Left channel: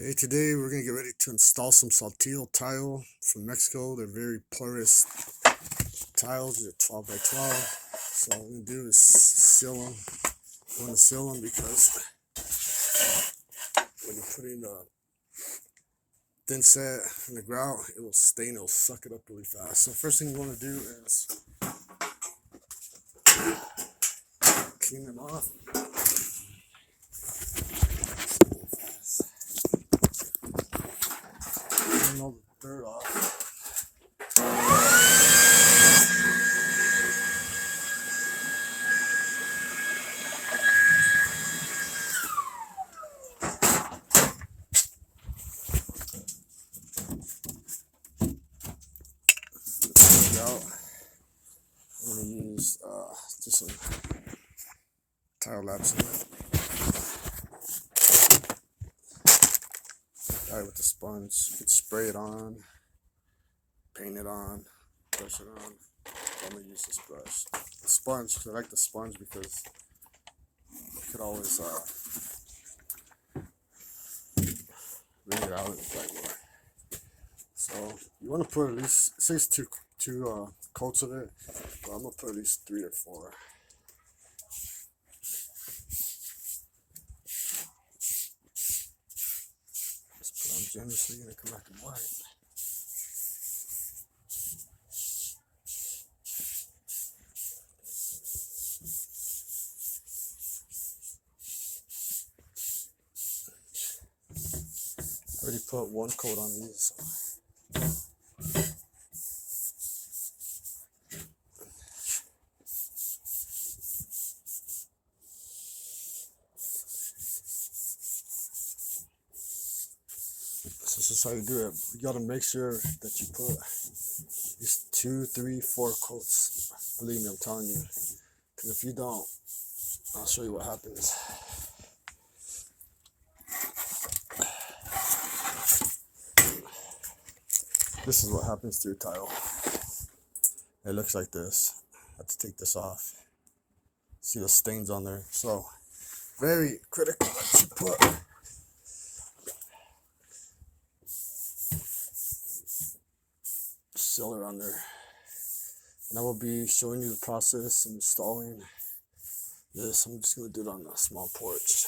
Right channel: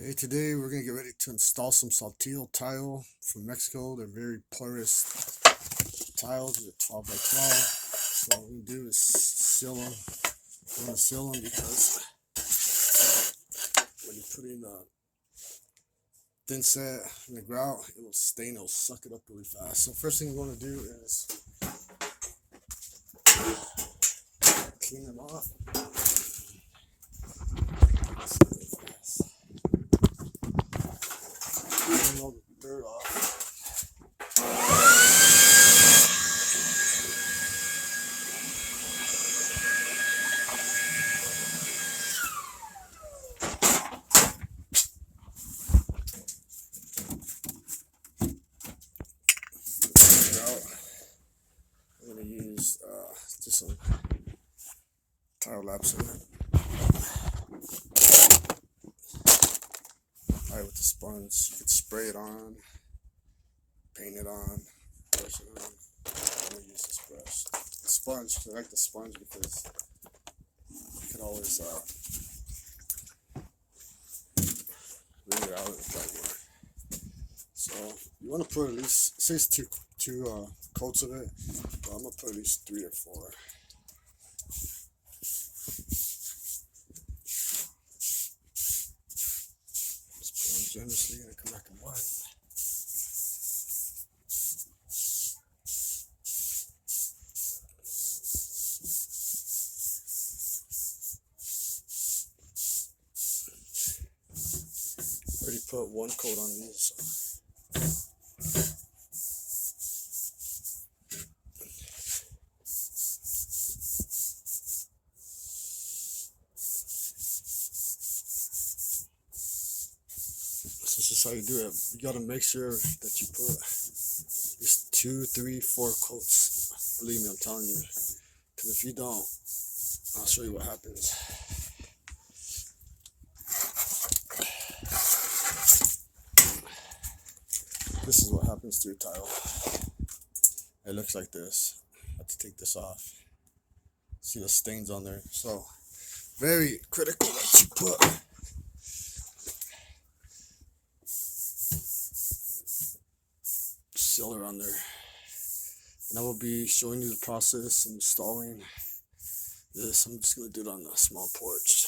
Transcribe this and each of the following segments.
Okay, today we're gonna get ready to install some Saltillo tile from Mexico. They're very porous tiles. They're 12 by 12. So what we're gonna do is seal them. You want to seal them because when you put in a thin set in the grout, it will stain. It'll suck it up really fast. So first thing you want to do is clean them off. Clean all the dirt off. Out. I'm going to use just some tile laps in it. Alright, with the sponge, you can spray it on, paint it on, brush it on. I'm going to use this brush. The sponge, I like the sponge because you could always wring it out in the right way. So you want to put at least, say it's two coats of it, but I'm gonna put at least 3 or 4. Just put on generously and come back in white. Already put 1 coat on these. This is how you do it. You gotta make sure that you put at least 2, 3, 4 coats. Believe me, I'm telling you. Because if you don't, I'll show you what happens. This is what happens to your tile. It looks like this. I have to take this off. See the stains on there. So, very critical that you put sealer on there. And I will be showing you the process and installing this. I'm just going to do it on a small porch.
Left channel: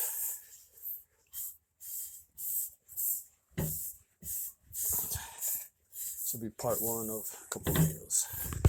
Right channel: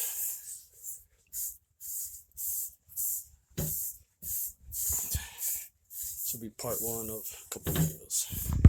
This will be part 1 of a couple of videos.